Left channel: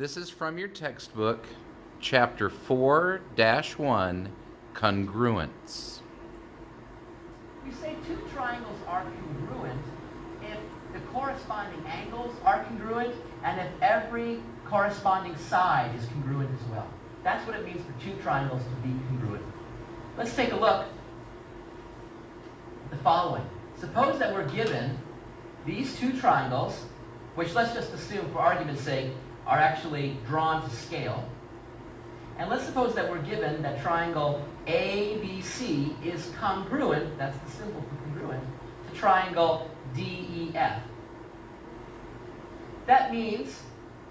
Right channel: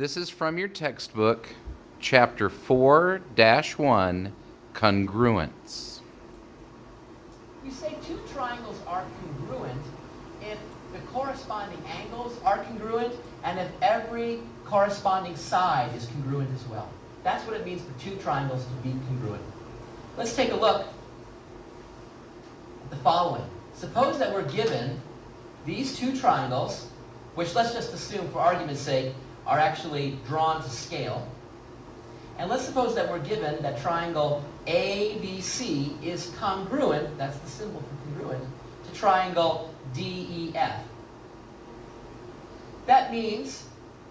This is from your textbook, Chapter 4-1, Congruence. We say two triangles are congruent if the corresponding angles are congruent and if every corresponding side is congruent as well. That's what it means for two triangles to be congruent. Let's take a look at the following. Suppose that we're given these two triangles, which let's just assume for argument's sake are actually drawn to scale. And let's suppose that we're given that triangle ABC is congruent, that's the symbol for congruent, to triangle DEF. That means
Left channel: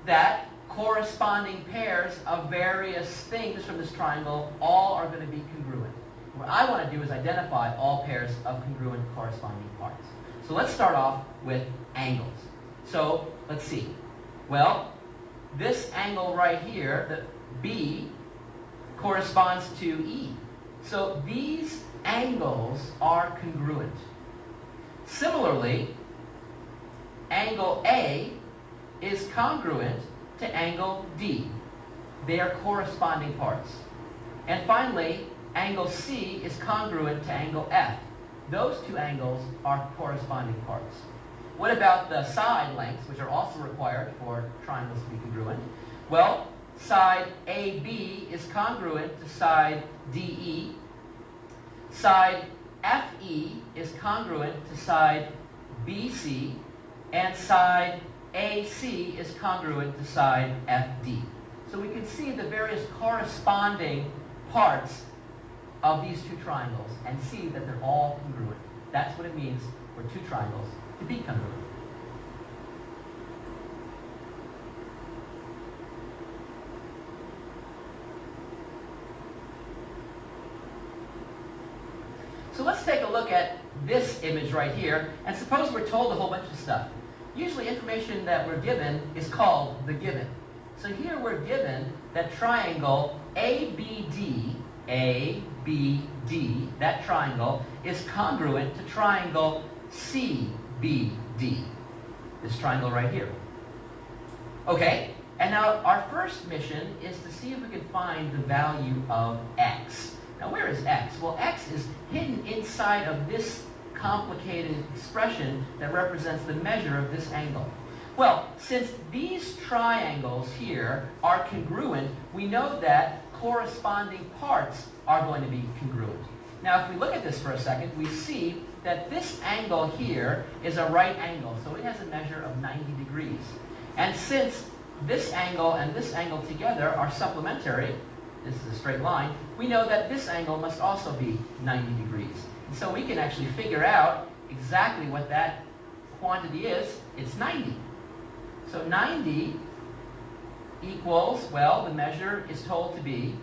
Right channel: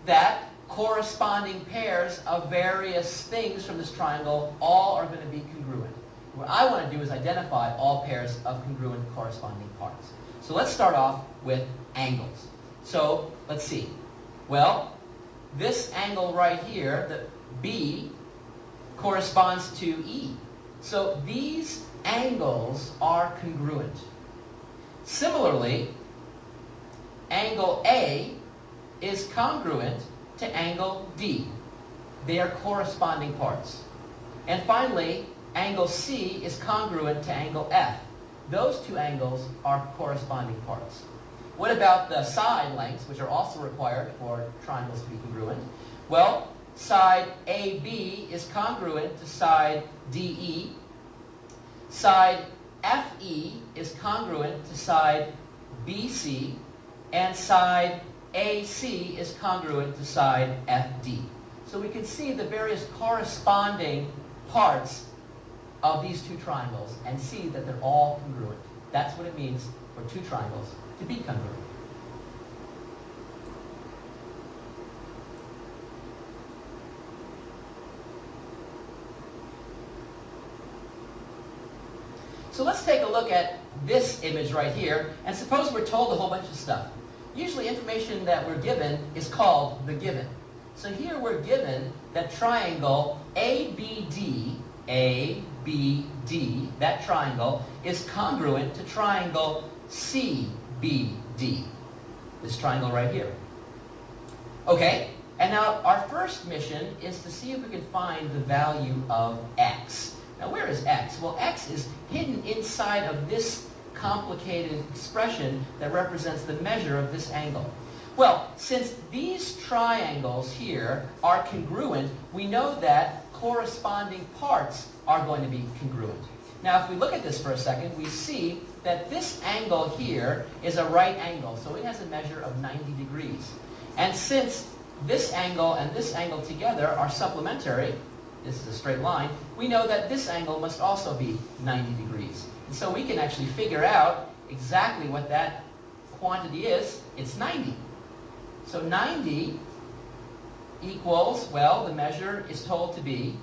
that corresponding pairs of various things from this triangle all are going to be congruent. What I want to do is identify all pairs of congruent corresponding parts. So let's start off with angles. So let's see. Well, this angle right here, the B, corresponds to E. So these angles are congruent. Similarly, angle A is congruent to angle D. They are corresponding parts. And finally, angle C is congruent to angle F. Those two angles are corresponding parts. What about the side lengths, which are also required for triangles to be congruent? Well, side AB is congruent to side DE. Side FE is congruent to side BC. And side AC is congruent to side FD. So we can see the various corresponding parts of these two triangles and see that they're all congruent. That's what it means for two triangles to be congruent. So let's take a look at this image right here, and suppose we're told a whole bunch of stuff. Usually information that we're given is called the given. So here we're given that triangle ABD, that triangle, is congruent to triangle CBD, this triangle right here. Okay, and now our first mission is to see if we can find the value of x. Now where is x? Well, x is hidden inside of this complicated expression that represents the measure of this angle. Well, since these triangles here are congruent, we know that corresponding parts are going to be congruent. Now, if we look at this for a second, we see that this angle here is a right angle, so it has a measure of 90 degrees. And since this angle and this angle together are supplementary, this is a straight line, we know that this angle must also be 90 degrees. And so we can actually figure out exactly what that quantity is. It's 90. So 90 equals, well, the measure is told to be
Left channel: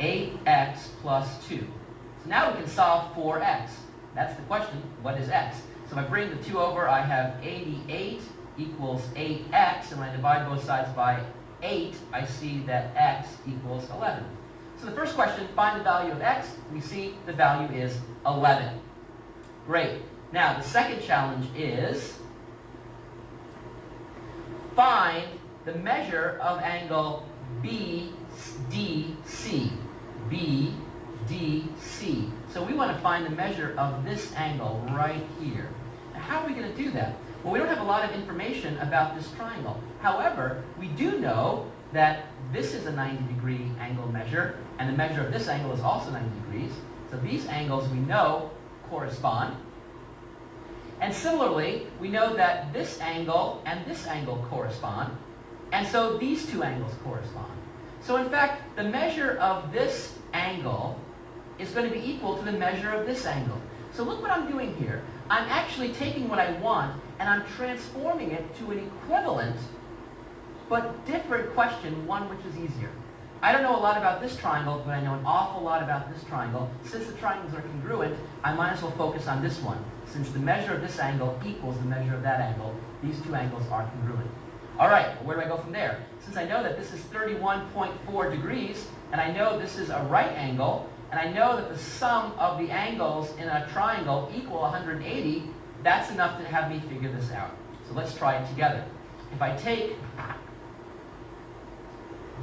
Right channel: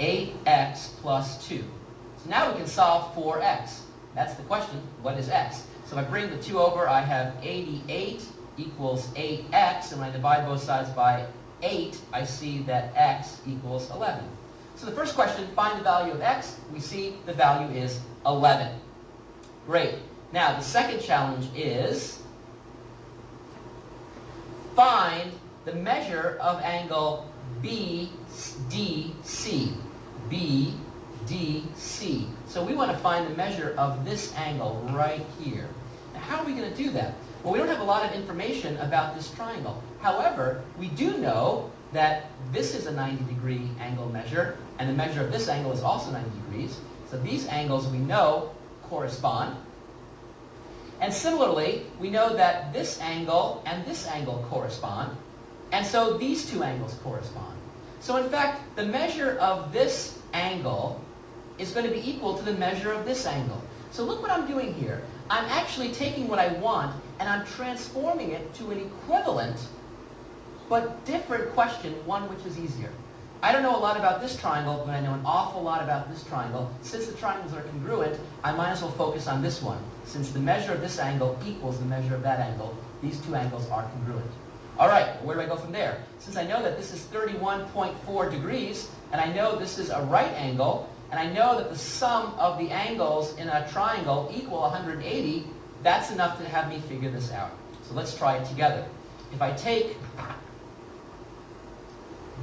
8x plus 2. So now we can solve for x. That's the question. What is x? So if I bring the 2 over, I have 88 equals 8x. And when I divide both sides by 8, I see that x equals 11. So the first question, find the value of x. We see the value is 11. Great. Now the second challenge is find the measure of angle BDC. BDC. So we want to find the measure of this angle right here. Now how are we going to do that? Well, we don't have a lot of information about this triangle. However, we do know that this is a 90-degree angle measure, and the measure of this angle is also 90 degrees. So these angles we know correspond. And similarly, we know that this angle and this angle correspond. And so these two angles correspond. So in fact, the measure of this angle is going to be equal to the measure of this angle. So look what I'm doing here. I'm actually taking what I want and I'm transforming it to an equivalent but different question, one which is easier. I don't know a lot about this triangle, but I know an awful lot about this triangle. Since the triangles are congruent, I might as well focus on this one. Since the measure of this angle equals the measure of that angle, these two angles are congruent. All right, where do I go from there? Since I know that this is 31.4 degrees, and I know this is a right angle, and I know that the sum of the angles in a triangle equal 180, that's enough to have me figure this out. So let's try it together. if I take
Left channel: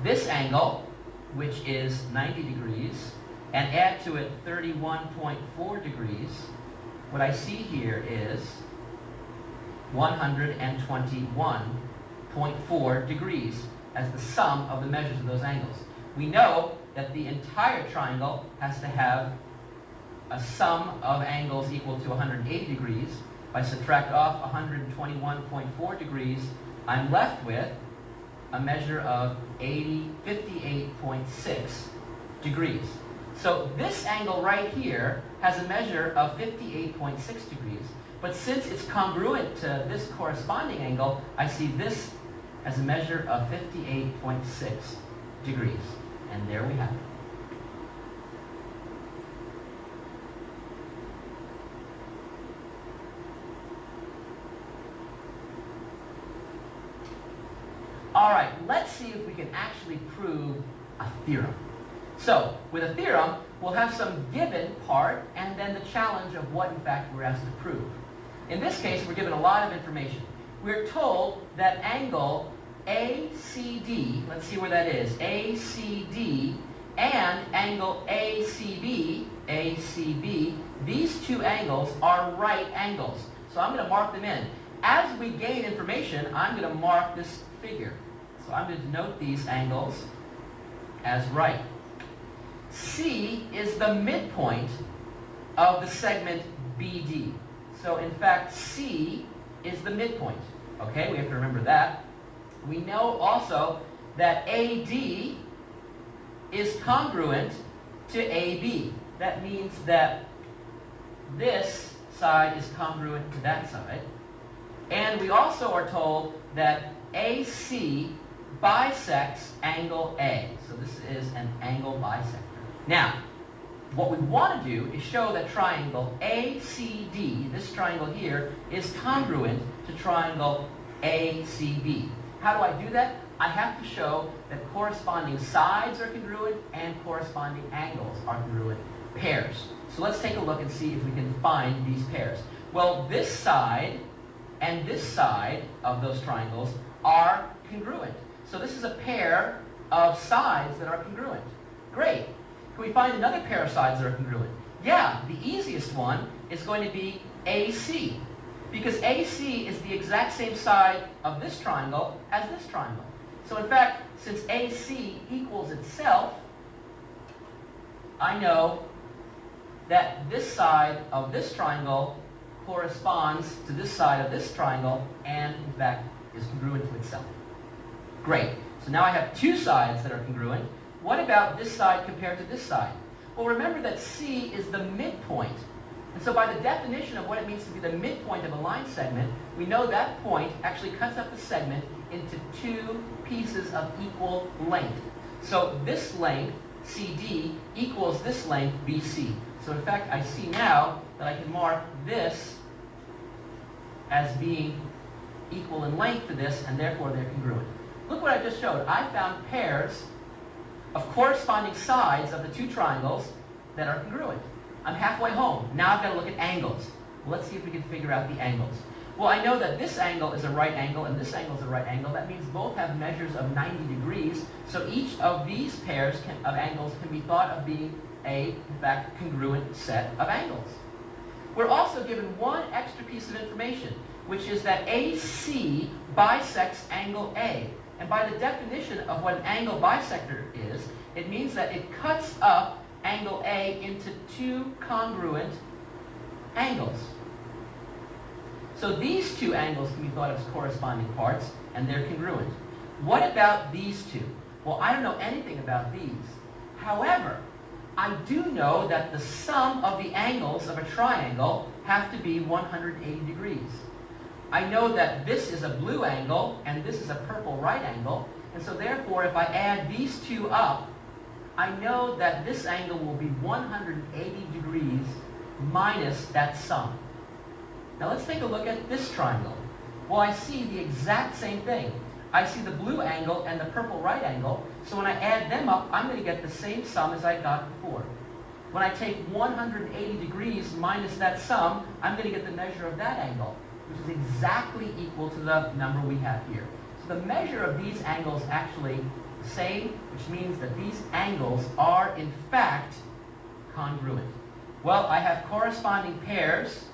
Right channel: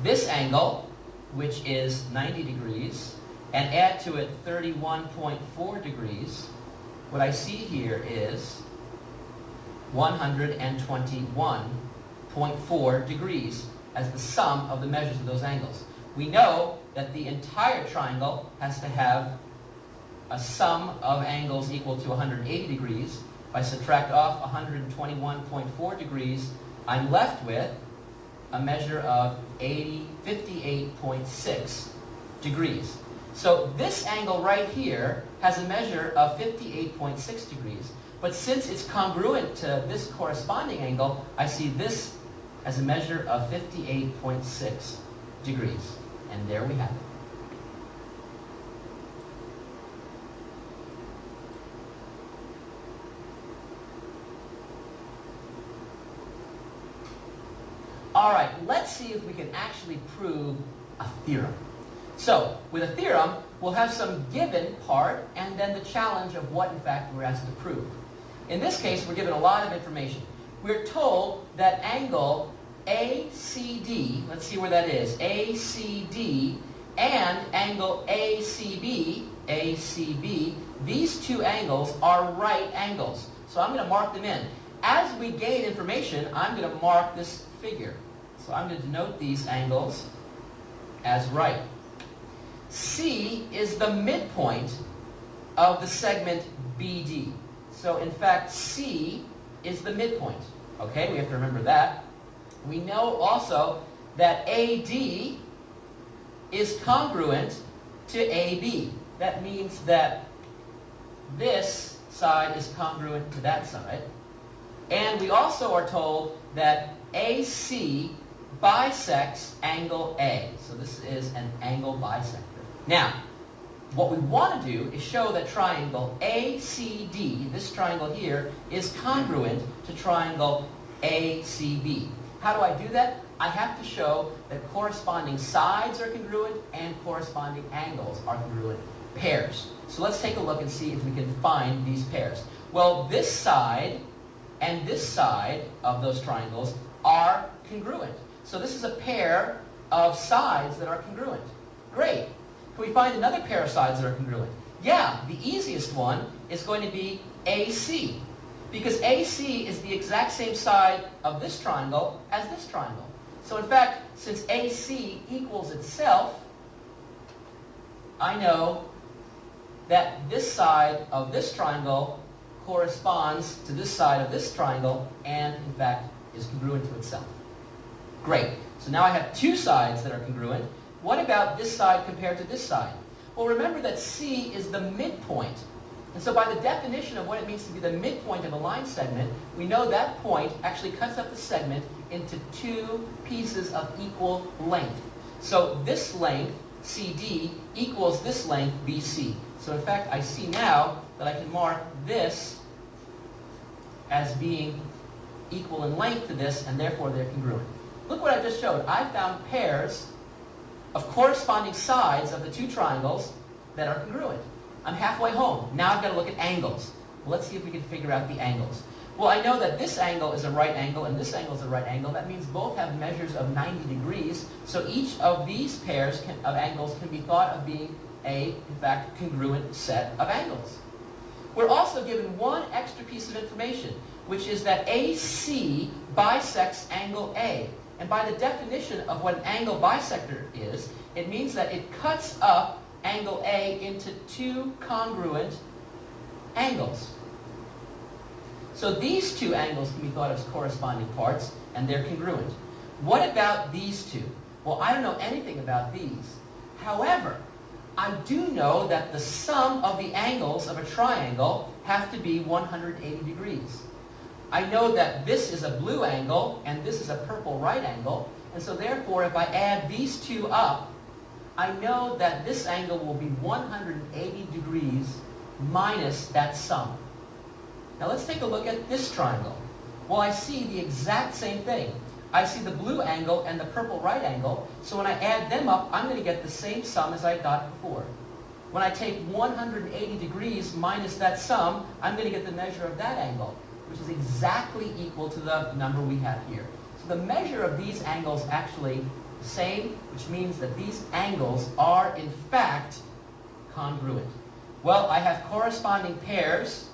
this angle, which is 90 degrees, and add to it 31.4 degrees, what I see here is 121.4 degrees as the sum of the measures of those angles. We know that the entire triangle has to have a sum of angles equal to 180 degrees. If I subtract off 121.4 degrees, I'm left with a measure of 58.6 degrees. So this angle right here has a measure of 58.6 degrees. But since it's congruent to this corresponding angle, I see this as a measure of 58.6 degrees. And there we have it. All right, let's see if we can actually prove a theorem. So, with a theorem, we'll have some given part and then the challenge of what, in fact, we're asked to prove. In this case, we're given a lot of information. We're told that angle ACD, let's see where that is, ACD, and angle ACB, these two angles are right angles. So I'm going to mark them in. As we gain information, I'm going to mark this figure. So I'm going to denote these angles as right. C is the midpoint of the segment BD. So in fact, C is the midpoint. Okay, we have to remember that. We know also that AD is congruent to AB. That means that this side is congruent to that side. And we also are told that AC bisects angle A. So this is an angle bisector. Now, what we want to do is show that triangle ACD, this triangle here, is congruent to triangle ACB. How do I do that? I have to show that corresponding sides are congruent and corresponding angles are congruent pairs. So let's take a look and see if we can find these pairs. Well, this side and this side of those triangles are congruent. So this is a pair of sides that are congruent. Great. Can we find another pair of sides that are congruent? Yeah, the easiest one is going to be AC, because AC is the exact same side of this triangle as this triangle. So in fact, since AC equals itself, I know that this side of this triangle corresponds to this side of this triangle and, in fact, is congruent to itself. Great. So now I have two sides that are congruent. What about this side compared to this side? Well, remember that C is the midpoint. And so by the definition of what it means to be the midpoint of a line segment, we know that point actually cuts up the segment into two pieces of equal length. So this length, CD, equals this length, BC. So in fact, I see now that I can mark this as being equal in length to this, and therefore they're congruent. Look what I just showed. I found pairs of corresponding sides of the two triangles that are congruent. I'm halfway home. Now I've got to look at angles. Well, let's see if we can figure out the angles. Well, I know that this angle is a right angle and this angle is a right angle. That means both have measures of 90 degrees. So each of these pairs of angles can be thought of being a, in fact, congruent set of angles. We're also given one extra piece of information, which is that AC bisects angle A. And by the definition of what an angle bisector is, it means that it cuts up angle A into two congruent angles. So these two angles can be thought of as corresponding parts, and they're congruent. What about these two? Well, I don't know anything about these. However, I do know that the sum of the angles of a triangle have to be 180 degrees. I know that this is a blue angle and this is a purple right angle, and so therefore if I add these two up, I know that this angle will be 180 degrees minus that sum. Now let's take a look at this triangle. Well, I see the exact same thing. I see the blue angle and the purple right angle, so when I add them up, I'm going to get the same sum as I got before. When I take 180 degrees minus that sum, I'm going to get the measure of that angle, which is exactly equal to the number we have here. So the measure of these angles actually the same, which means that these angles are in fact congruent. Well, I have corresponding pairs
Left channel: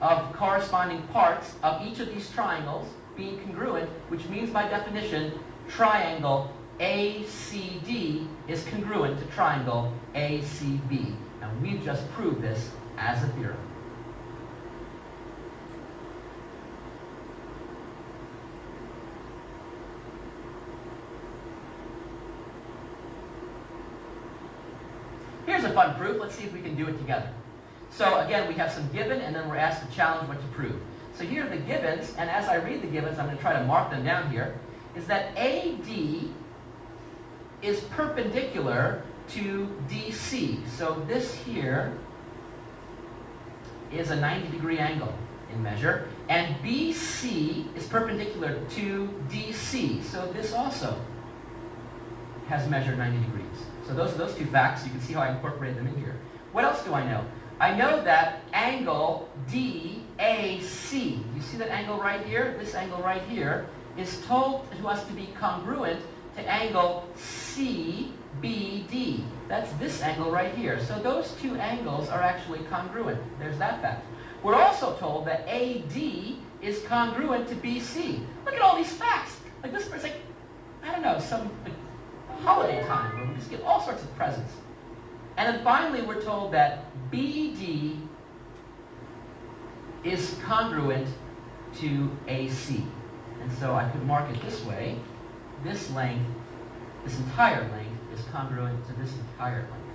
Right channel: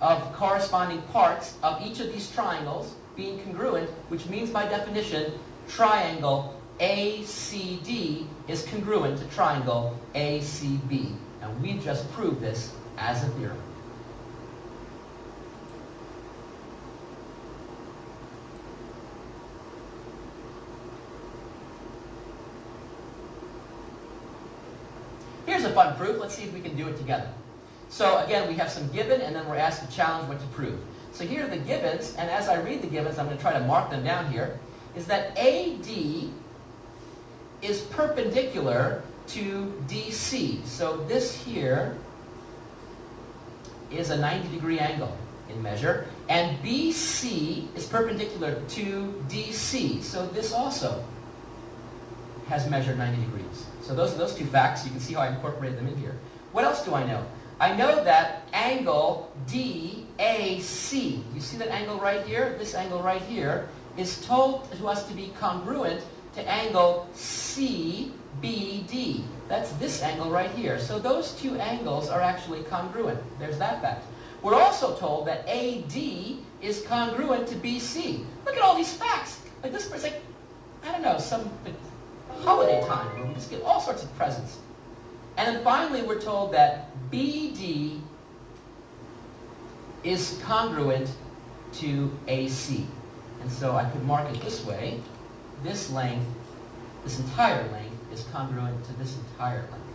of corresponding parts of each of these triangles being congruent, which means by definition, triangle ACD is congruent to triangle ACB. And we've just proved this as a theorem. Here's a fun proof. Let's see if we can do it together. So again, we have some given, and then we're asked to challenge what to prove. So here are the givens, and as I read the givens, I'm going to try to mark them down here, is that AD is perpendicular to DC. So this here is a 90-degree angle in measure, and BC is perpendicular to DC. So this also has measured 90 degrees. So those are those two facts. You can see how I incorporated them in here. What else do I know? I know that angle DAC, you see that angle right here? This angle right here is told to us to be congruent to angle CBD. That's this angle right here. So those two angles are actually congruent. There's that fact. We're also told that AD is congruent to BC. Look at all these facts. Like this is like, I don't know, some holiday time where we just get all sorts of presents. And then finally we're told that BD is congruent to AC. And so I could mark it this way. This length, this entire length, is congruent to this entire length.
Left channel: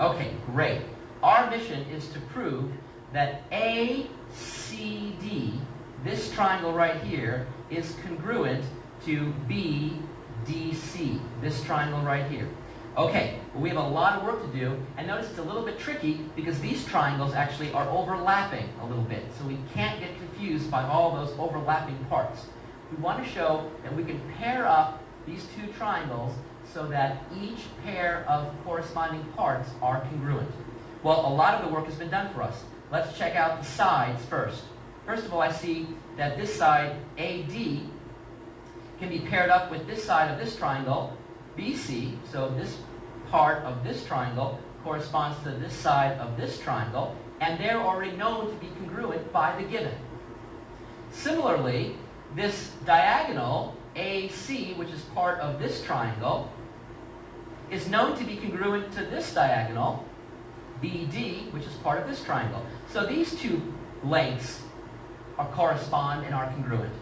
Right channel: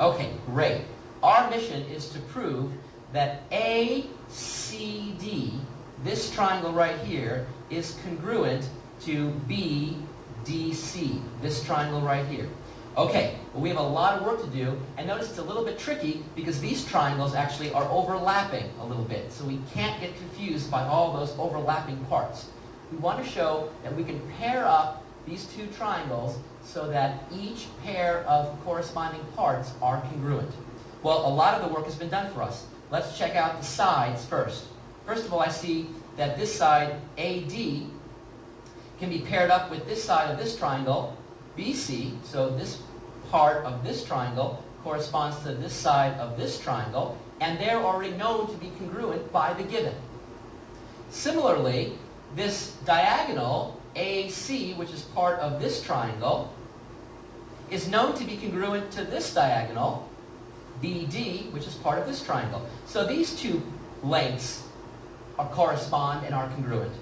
Okay, great. Our mission is to prove that ACD, this triangle right here, is congruent to BDC, this triangle right here. Okay, well, we have a lot of work to do, and notice it's a little bit tricky because these triangles actually are overlapping a little bit, so we can't get confused by all those overlapping parts. We want to show that we can pair up these two triangles so that each pair of corresponding parts are congruent. Well, a lot of the work has been done for us. Let's check out the sides first. First of all, I see that this side, AD, can be paired up with this side of this triangle, BC, so this part of this triangle corresponds to this side of this triangle, and they're already known to be congruent by the given. Similarly, this diagonal, AC, which is part of this triangle, is known to be congruent to this diagonal, BD, which is part of this triangle. So these two lengths correspond and are congruent.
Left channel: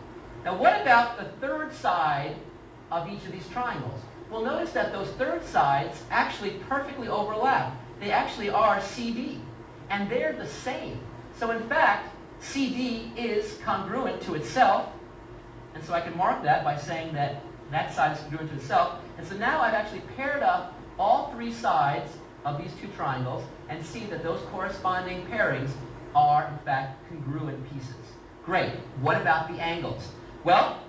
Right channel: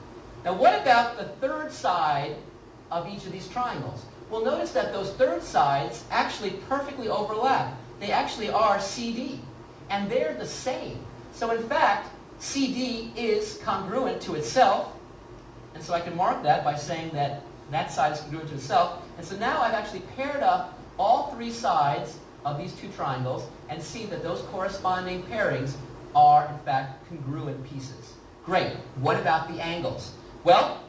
Now what about the third side of each of these triangles? Well, notice that those third sides actually perfectly overlap. They actually are CD, and they're the same. So in fact, CD is congruent to itself, and so I can mark that by saying that that side is congruent to itself. And so now I've actually paired up all three sides of these two triangles and see that those corresponding pairings are in fact congruent pieces. Great. What about the angles? Well,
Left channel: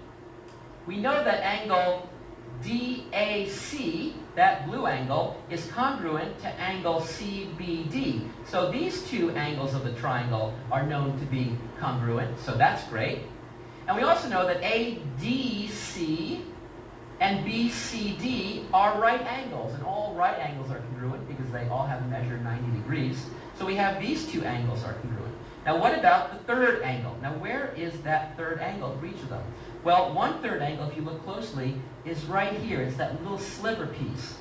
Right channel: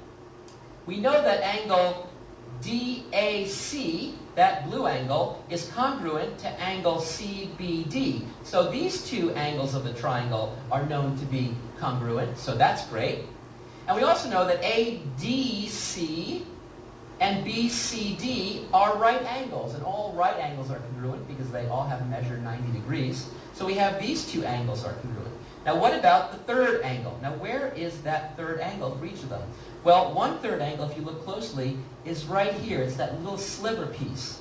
we know that angle DAC, that blue angle, is congruent to angle CBD. So these two angles of the triangle are known to be congruent, so that's great. And we also know that ADC and BCD are right angles, and all right angles are congruent because they all have measured 90 degrees. So we have these two angles are congruent. Now what about the third angle? Now where is that third angle for each of them? Well, one third angle, if you look closely, is right here. It's that little sliver piece.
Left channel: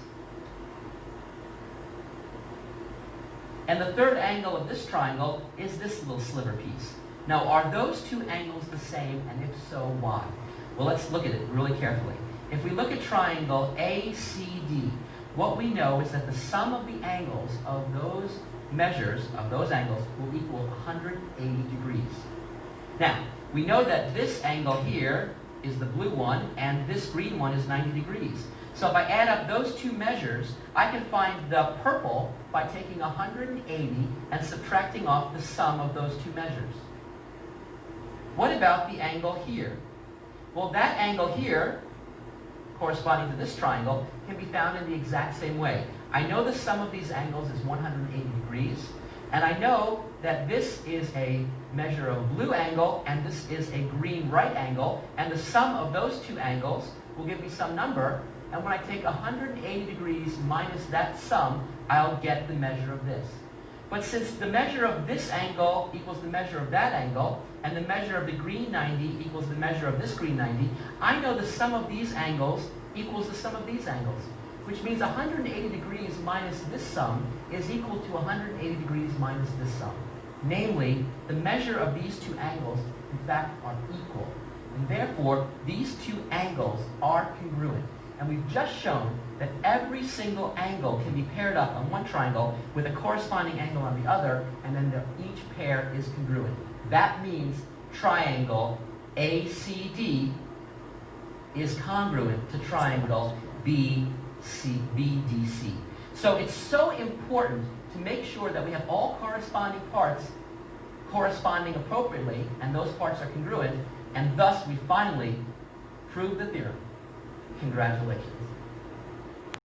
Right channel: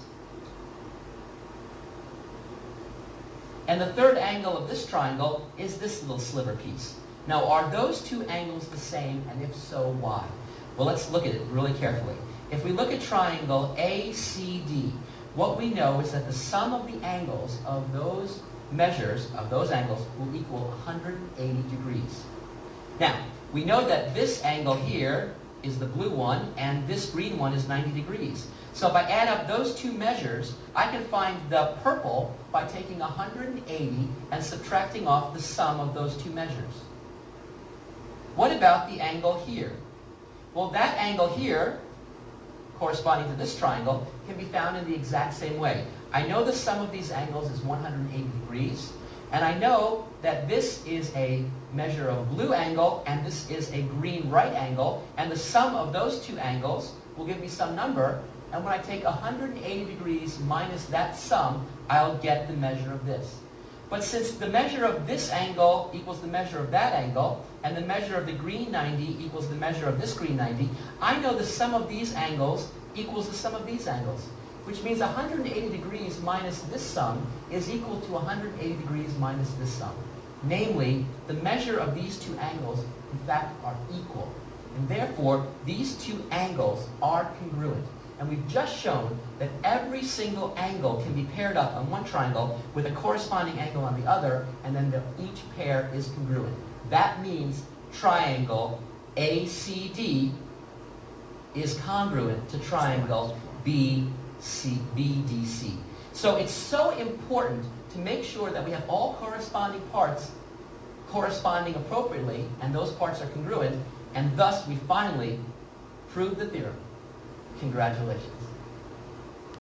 And the third angle of this triangle is this little sliver piece. Now, are those two angles the same, and if so, why? Well, let's look at it really carefully. If we look at triangle ACD, what we know is that the sum of the angles of those measures of those angles will equal 180 degrees. Now, we know that this angle here is the blue one, and this green one is 90 degrees. So if I add up those two measures, I can find the purple by taking 180 and subtracting off the sum of those two measures. What about the angle here? Well, that angle here, corresponding to this triangle, can be found in the exact same way. I know the sum of these angles is 180 degrees, and I know that this is a measure of a blue angle and this is a green right angle, and the sum of those two angles will give me some number, and when I take 180 degrees minus that sum, I'll get the measure of this. But since the measure of this angle equals the measure of that angle, and the measure of the green 90 equals the measure of this green 90, I know the sum of these angles equals the sum of these angles, which means 180 degrees minus this sum is equal to 180 degrees minus this sum. Namely, the measure of these two angles, in fact, are equal. And therefore, these two angles are congruent. And we've just shown that every single angle can be paired up on one triangle with a corresponding angle on the other, and then each pair is congruent. That means triangle ACD is congruent to triangle BDC. So it's so important to make sure that we have all corresponding parts corresponding appropriately, and those parts are congruent, and thus we finally prove the theorem. Congratulations.